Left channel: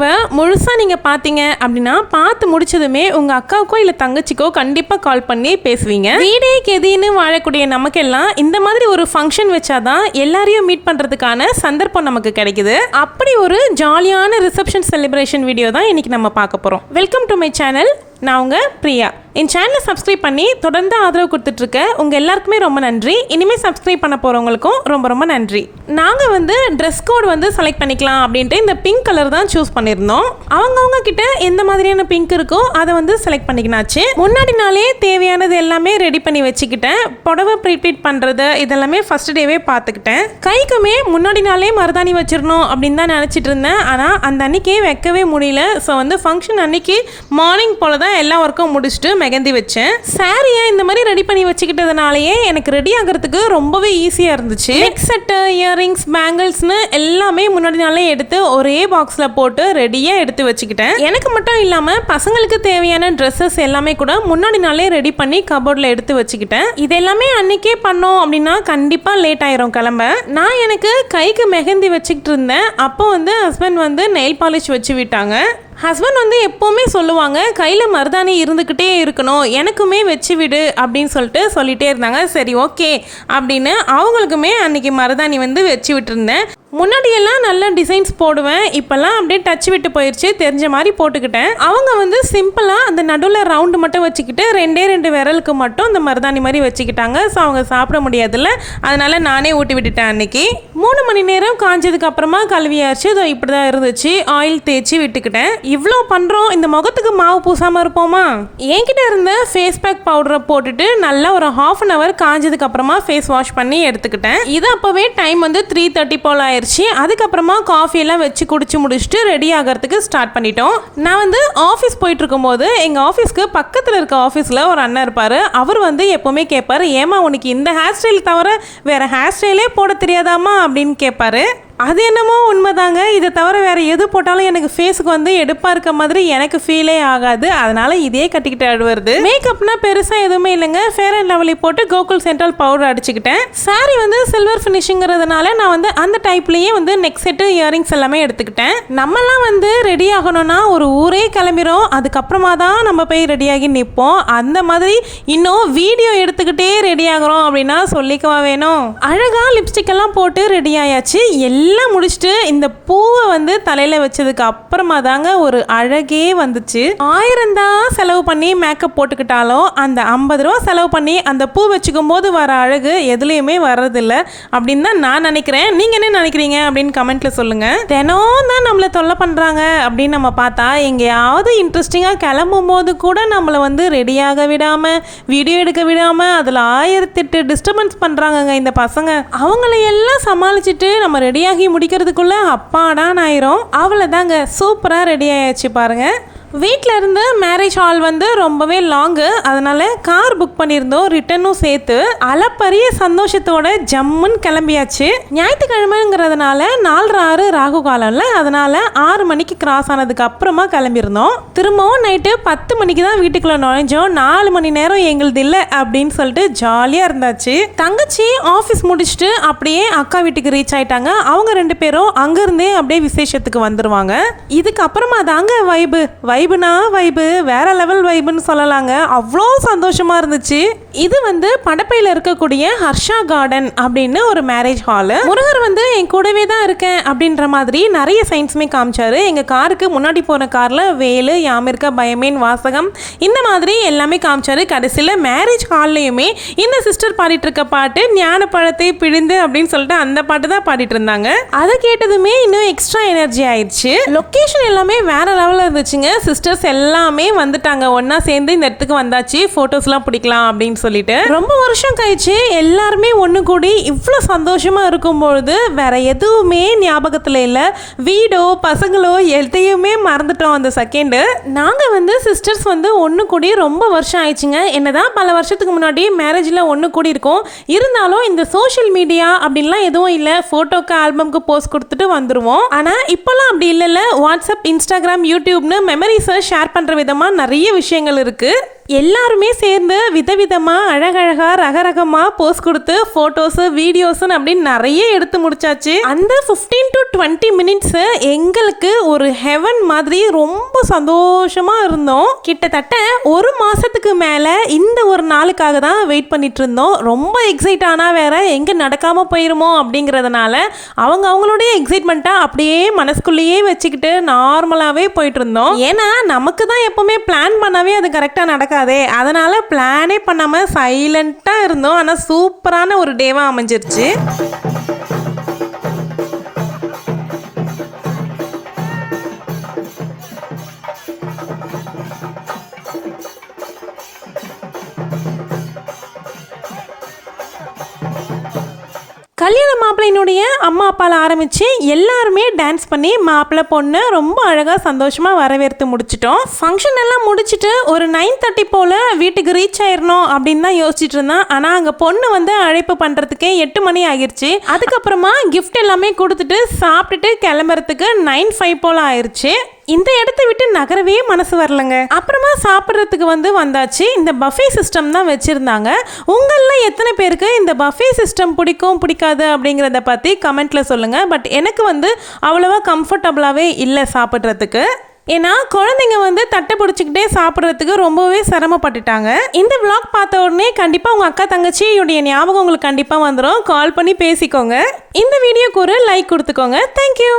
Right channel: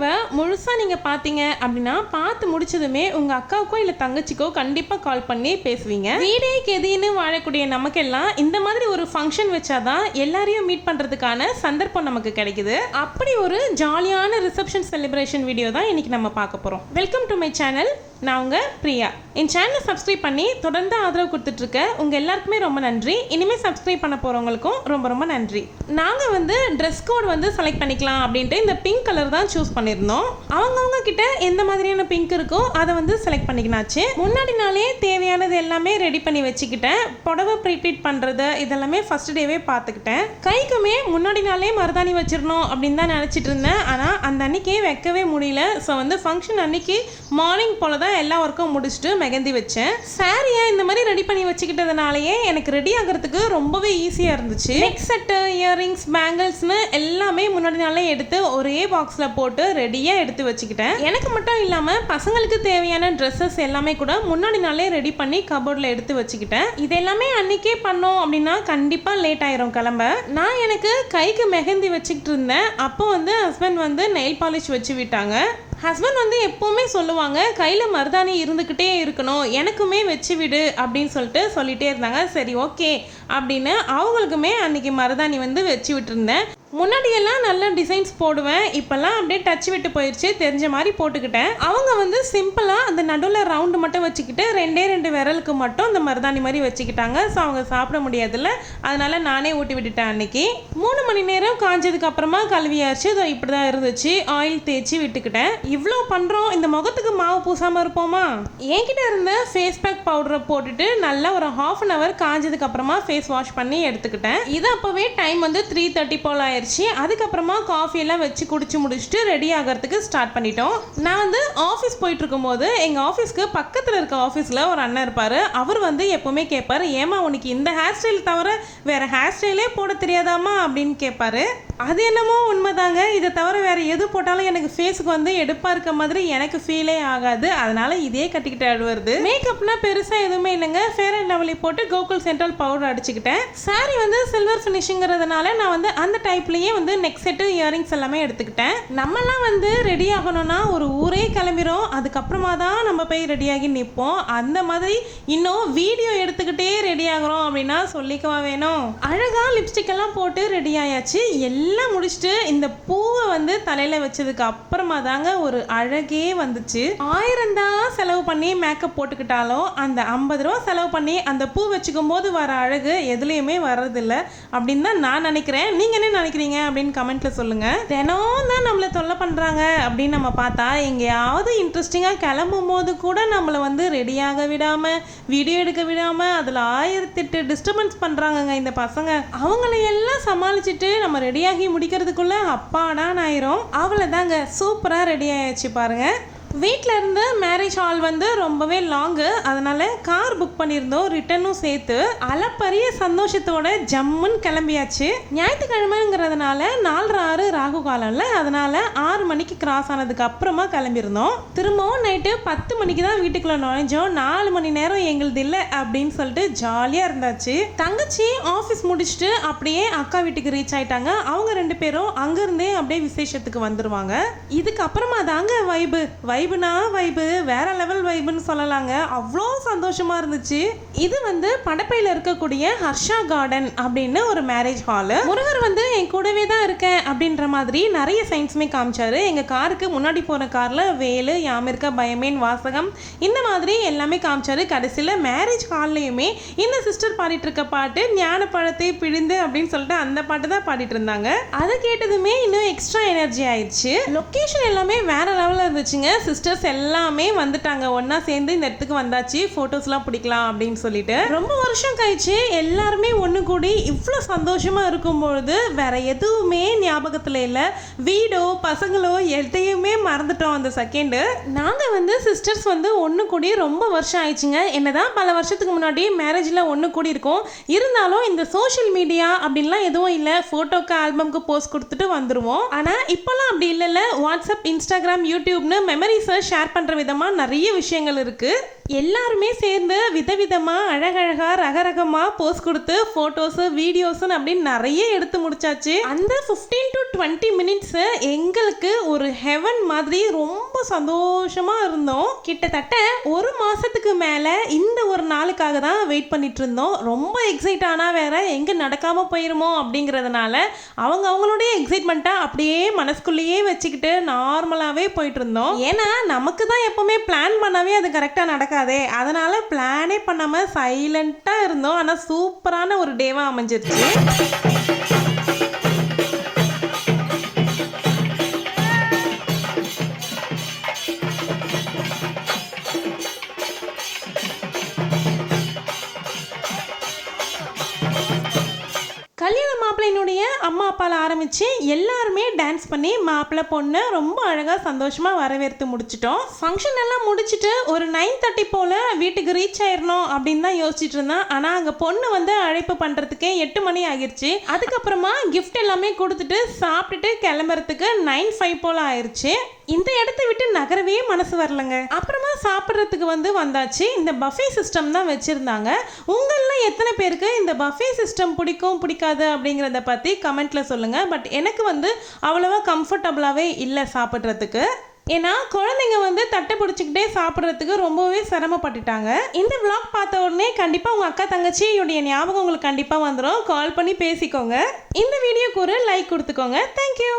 வீடியோவை முழுசாக நீங்கள் பார்த்தீங்க அப்படின்னா பார்த்து முடிச்சதுமே உங்கள் அக்காவுக்கோ இல்லை தங்கச்சிக்கோ கண்டிப்பாக கால் பண்ணி பேசுவீங்க. வீடே கெதின்னு வாழக்கூடிய நமக்கெல்லாம் இந்த மாதிரி ஒரு ஃபங்க்ஷன் வச்சாதான் எல்லாரையும் மீட் பண்ணுறதுக்கான சந்தர்ப்பம் நமக்கு கிடைக்குது. அப்படி ஒரு ஜாலியான ரிசப்ஷன் செலிப்ரேஷன் வீடியோ தான் இன்னைக்கு நம்ம பார்க்க போகிறோம். Welcome to my channel. நான் உங்கள் பிரியா. என் சேனலை சப்ஸ்கிரைப் பண்ணி தொடர்ந்து ஆதரவு கொடுத்துட்ருக்க உங்கள் எல்லாருக்குமே ரொம்ப நன்றி. இனிமேல் சப்ஸ்கிரைப் பண்ண போகிறவங்களுக்கும் ரொம்ப ரொம்ப நன்றி. நாங்கள் வந்து ட்ரெஸ் கோட் வந்து செலக்ட் பண்ணிக்கலாம் அப்படின்ட்டு இந்த பிங்க் கலர் தான் சூஸ் பண்ணியிருந்தோம். அவங்கவுங்க கிட்ட எந்த மாதிரியான பிங்க் இருக்கோ அதை வந்து செலக்ட் பண்ணிக்கினாச்சு. முன்னாடி நாளே தேவையானது எல்லாமே ரெடி பண்ணி வச்சுக்கிட்டேன். புடவை ப்ரீப்ளீட் பண்ணுறது இதெல்லாமே ஃபர்ஸ்ட் டேவே பார்த்துக்கிட்டேன். கைக்குமே முன்னாடி நாளே மருதாணி வச்சிடணும் அப்படின்னு தான் நினச்சிட்டு இருந்தேன். ஆனால் அந்த அன்னைக்கே வைக்கவே முடியல. ஸோ வந்து ஃபங்க்ஷன் அன்னைக்கு மார்னிங் போல தான் எல்லா ஒர்க்கும் முடிச்சுட்டு மெகந்தி வச்சேன். சாரியை இந்த மாதிரி ரெடி பண்ணி வச்சுக்கிட்டதுனாலயே எனக்கு ரெடி ஆகிறதுக்கு ரொம்பவே ஈஸியாக இருந்துச்சு. நெக் செட்டு, இயரிங்ஸ், பேங்கிள்ஸ்னு எல்லாமே முன்னாடி நாளே எடுத்து ஒரே பாக்ஸில் போட்டு ரெடியாக எடுத்து வச்சுக்கிட்டேன். எனக்கு மட்டும் இல்லாமல் பசங்களுக்கு தேவையான ட்ரெஸ்ஸஸ் எல்லாமே கூட முன்னாடி நாளே ரெடி பண்ணி கபோர்டில் எடுத்து வச்சுக்கிட்டேன். இது எல்லாமே அன்னைக்கே பண்ணோம் அப்படின்னா கண்டிப்பாக லேட் ஆயிரும் கிளம்ப. நான் எனக்கு கைக்கு மெகந்தி வச்சுக்கிட்டு இருந்தேன். அப்போ வந்து ஹஸ்பண்ட் வந்து நெயில் பாலிஷ் வச்சு விட்டாங்க. ஹஸ்பண்ட் வந்து எப்போவுமே சொல்லுவாங்க கையில் மருதாணி இருந்துக்கிட்டே இருக்கணும், எனக்குமே வச்சு விடு அப்படின்னு சொல்லிட்டே இருந்தாங்க. சரி ஓகே அப்படின்னு அவங்களுக்குமே அன்றைக்கி மருதாணி வந்து வச்சு விட்டுருந்தேன். முன்னாடியெல்லாம் நல்ல டிசைன்ஸ் போடுவேன், இப்போல்லாம் அப்படியே டச் விட்டு போயிடுச்சு, தெரிஞ்ச மாதிரி போட்டுக்கிட்டேன். அவங்க வந்து சிம்பிளாக அந்த நடுவில் ரவுண்டு மட்டும் வச்சுக்கிட்டு ரெண்டு விரலுக்கு மட்டும் அந்த மருதாணி மாதிரி வச்சுக்கிட்டாங்க. ஸோ அவங்க சாப்பிட முடியாதுல்ல, அதனால் நானே ஊட்டி விட்டுட்டேன். அன்னைக்கு 3 மணி நேரம் காஞ்சதுக்கு அப்புறமா கழுவியாச்சு. இதோ இப்படி தான் இருந்துச்சு. ஆயில் தேய்ச்சி விட்டுக்கிட்டேன். இவ்வளோ பண்ணுறோம், இந்த முகத்துக்கு மாவு பூசாமல் இருப்போமா? என்கிட்ட இருந்த ஃபேஸ் பேக் பவுடரை போட்டுட்டு நல்லா ஒரு ½ அன் ஹவர் காஞ்சதுக்கு அப்புறமா ஃபேஸ் வாஷ் பண்ணி எடுத்துக்கிட்டேன். இது அப்போவே டைம் வந்து 3:30 போல் ஆயிடுச்சு. அதுக்கப்புறமா காஃபி எல்லாம் வச்சு குடிச்சு முடிச்சுட்டு ரெடி ஆகிறதுக்கு ஸ்டார்ட் பண்ணிட்டோம். நான் வந்து ஆஃபீஸ் போயிட்டு இருக்கும்போது எங்கள் ஆஃபீஸ்க்கு பக்கத்தில் இருக்க ஆஃபீஸில் ஒரு அண்ணன் இருப்பார். அவர் வந்து எப்போவுமே கேட்பார், ஏமா உனக்கு இந்த ஹேர் ஸ்டைல் தவிர வேறு ஹேர் ஸ்டைலே போட தெரியாதாமா அப்படின்னு கேட்பாரு. அது என்னமோ உண்மைதாங்க. இதை தவிர வேறு எது போட்டாலும் எனக்கு ஃபேஸுக்கு வந்து எடுப்பாக இருக்க மாதிரி எனக்கு ஃபீலே ஆகாது. அதனால் இதே கட்டிக்கிட்டு வருது. மேக்கப்னா பெருசாக எதுவுமே இல்லைங்க. ஃபேர் அண்ட் லவ்லி போட்டு கோகுல் சென்ட்ரல் பவுடர் அடிச்சுக்கிட்டேன். சாரி வந்து சில்வர் ஃபினிஷிங்கிறதுனால நான் வந்து அந்த டைப்லேயே வந்து நெக் செட்டு, இயரிங்ஸ் எல்லாமே எடுத்துக்கிட்டேன். நம்மலாம் வந்து ரெடி ஆகணும்னா ஒரு ஊரே கிளம்பிடும், அதுக்கப்புறமா தான் நம்ம போய் ரெடியாகி நிற்போம். அந்த மாதிரி இன்னும் வீடியோ எடுத்துக்கிட்டே ரெடி ஆகிறோம் அப்படின்னா சொல்லிக்கவா வேணும். அழகாக லிப்ஸ்டிக் எல்லாம் போட்டு ரெடி ஆயாச்சு. எல்லாம் முடிச்சுட்டு இந்த பூவை வந்து தலையில் வச்சதுக்கு அப்புறமா தாங்க ஒரு அழகே வந்துச்சு. 1000 தான் செலவு பண்ணி மேக்கப் போட்டுக்கிட்டாலும் அந்த 50 ரூபா செலவு பண்ணி அந்த பூ வச்சுக்கும் போது வர அழகு எதுலேயுமே வர்றதில்லை அப்படின்னு தான் நான் நினைக்கிறேன். நீங்கள் என்ன நினைக்கிறீங்க அப்படின்னு கமெண்ட்டில் சொல்லுங்கள். தினம் தான் நம்மளை தொல்லை பண்ணுறாங்க அப்படின்னு நம்ம பார்த்தா எங்கேயாவது இன்ட்ரெஸ்டிங்காக கிளம்பும் போது கூட நம்மளை வந்து ரெடியாக விடாமல், வீடியோ எடுக்க விடாமல் அதில் 1008 டிஸ்டர்பன்ஸ் பண்ணுறாங்கங்க இந்த பசங்க. அவங்கள எல்லாம் சமாளிச்சுட்டு நம்ம ரெடியாக முடிக்கிறதுக்குள்ள அப்பாடான்னு ஆயிரும். அவ்வளோதாங்க, சூப்பராக ரெடி ஆயாச்சு பாருங்க. வீட்டில் இருந்து மேரேஜ் ஹால் வந்து ரொம்பவே லாங்கு, அதனால் கார் புக் பண்ணியிருந்தோம், ரிட்டனும் சேர்த்து. அளப்பரிய சந்தோஷத்தோட ஜம்முன்னு கிளம்பியாச்சு. ஞாயிற்றுக்கிழமைங்கிறதுனால 4:06 ராகு காலம்ல, அதனால் 6 மணிக்கு கிராஸ் ஆனதுக்கு அப்புறமா கிளம்பியிருந்தோம். திரும்பவும் நைட்டு 10 மணிக்கு தான் வீட்டுக்குள்ளே நுழைஞ்சோம். 4 மணி நேரம் எங்களுது இல்லை அப்படின்னு சொல்லிட்டு ஜாலியாக இருந்தாச்சு. தங்கச்சி ஆஃபீஸ் முடிச்சுட்டு அப்படியே அக்கா வீட்டுக்கு ரீச் ஆயிட்டாங்க. அவங்க 2 பேரும் அங்கேருந்தே அப்படியே விசேஷத்துக்கு வந்துடுவாங்க. இதுக்கப்புறமா தாங்க வைபுனா வைபு, வேற லெவல் வைபுன்னு சொல்லலாங்க. அவ்வளோ சந்தோஷமா இருந்துச்சு. இது வந்து படப்பையில் இருக்கக்கூடிய ஹர்ஷா கார்டன் அப்படின்னு ஒரு மேரேஜ் ஹாலு. முருகர் வந்து என் கூடவே தான் இருக்கேன் அப்படின்ற மாதிரி நிறைய சைன்ஸுமே காமிச்சாரு. எங்கள் காருக்கு முன்னாடி போன காரில் வேலு, யாமிருக்க, பயமேன், வாசகம் இந்த மாதிரி எல்லாமே காமிச்சாரு. கடைசியில் மேரேஜ் ஹால்லையுமே இந்த சிஸ்டர் பாடிட்டு இருக்க பாட்டு ஞான பழத்தை பிழிந்து அப்படின்னு சொல்லிட்டு அந்த பாட்டு தான் பாடிட்டு இருந்தாங்க. அதை கேட்டதுமே இன்னும் எக்ஸ்ட்ரா எனர்ஜி ஆயிடுச்சு. லொக்கேஷன் எல்லாமே வேற லெவலில் இருந்துச்சுங்க. சிஸ்டர்ஸ் எல்லாமே வந்துட்டாங்க, ஒன்னா சேர்ந்து இந்த இடத்துக்கு வந்தாச்சு, போட்டோஸ்லாம் பிடிக்கலாம் அப்படின்னு சொல்லிட்டு. ரொம்ப வருஷம் கழிச்சு எல்லாருமே ஒன்று கூடி இவ்வளோ சந்தோஷமா இருக்கும்பொழுது வேற எதுவுமே ஞாபகத்தில் இல்லை. வீடோ பசங்களோ எதையுமே மறந்துட்டோம் அந்த செகண்டு. நாங்கள் வந்து சிஸ்டர்ஸ் வந்து ஒன்று கூடி ரொம்ப வருஷம் ஆயிடுச்சுங்க. என்னதான் பல வருஷத்துக்கு முன்னாடி மேரேஜில் ஒன்று கூடி இருக்கோம், இருந்தாலும் இந்த சோஷியல் மீடியா அப்படின்லாம் எதுவும் இல்லை. ஃபோட்டோக்கு ஆல்பம்க்கு போஸ்ட் கொடுத்துட்டு வந்துடுவோம். ஆனால் இப்போல்லாம் அப்படி இல்லைல்ல. வாட்ஸ்அப், இன்ஸ்டாகிராம், யூடியூப்னு மெமரிஸை ஷேர் பண்ணுற விதமாக நிறைய விஷயங்கள் இருக்குது. எல்லாருமே சேர்ந்து விதவிதமா அழகழகா ரகரகமா போஸ்ட் கொடுத்து போட்டோஸ் வீடியோஸ் அப்படின்னு நிறைய எடுத்து முடிச்சாச்சு. அந்த 15 to 20 மினிட்ஸ் எங்களுக்கு ஒரு ஹெவன் மாதிரி ரொம்ப சந்தோஷமா இருந்தோம். கிட்டத்தட்ட ஒரு மாசத்துக்கு மேல இந்த ஒரு நாளுக்காக தான் வெயிட் பண்ணிட்டு இருந்தோம். ரொம்ப எக்ஸைட் ஆனா வேற எங்க நடக்காம போயிருமோ அப்படிங்கறதுனால அவங்களுடைய எக்ஸைட்மெண்ட்டை அப்படியே மனசுக்குள்ளேயே வச்சுக்கிட்டு நார்மலாவே போயிட்டு இருந்தோம். ஏன்னா நமக்கு தான் எப்பவுமே பிளான் பண்ணவே அது கரெக்டா நடக்காதே, அதனால பிளானே பண்ணாம சைலண்டா இருந்தோம். ஆனா சூப்பரான ஒரு டேவா அமைஞ்சிருச்சு. கல்யாண மாப்பிள்ளையினுடைய அம்மா அப்பால ஆரம்பிச்சு எல்லாருமே டான்ஸ் பண்ணி மாப்பிள்ளை பொண்ணு ரொம்ப அழகா சந்தோஷமா வரவேற்று முடிச்சிட்டோம். ஃபங்க்ஷன் எல்லாம் முடிச்சுட்டு ஒரு 9:30 போல வீட்டுக்கு ரீச் ஆயிடணும் அப்படின்னு தான் யோசிச்சுட்டு இருந்தேன். ஆனா அங்க பொண்ணு வந்து அழைப்பு பண்றதுக்கே 8 மணி ஆகிருச்சு. அதுக்கப்புறமா கிஃப்ட் எல்லாமே கொடுத்துட்டு சாப்பிட்டுட்டு கிளம்புறதுக்கு 9:05 போல ஆயிடுச்சு. இந்த இடத்த விட்டு நகரவே மனசு வரலங்க. அப்புறமா சாப்பிட்றதுக்கு வந்தாச்சு. இந்த பஃபே சிஸ்டம் தான் வச்சிருந்தாங்க. உங்கள எத்தனை பேருக்கு இந்த பஃபே சிஸ்டம் பிடிக்கும் பிடிக்காது அப்படிங்கிறத பற்றி கமெண்ட்ல சொல்லுங்க. பட் எனக்கு அவ்வளவா கம்ஃபர்டபுளாகவே இல்லை சாப்பிட்றதுக்கு. ஏன்னா குழந்தைங்க தட்டை பிடிச்சிக்கிட்டே சாப்பிட்றதுக்கு ரொம்பவே சிரமப்பட்டுட்டாங்க. இந்த vlog பார்த்த உடனே கண்டிப்பாக உங்கள் அக்கா தங்கச்சியுடைய ஞாபகம் உங்களுக்கு கண்டிப்பாக வந்துடும். கால் பண்ணி பேசிக்கோங்க. இந்த வீடியோக்கு ஒரு லைக் கொடுத்துக்கோங்க. தேங்க்யூ.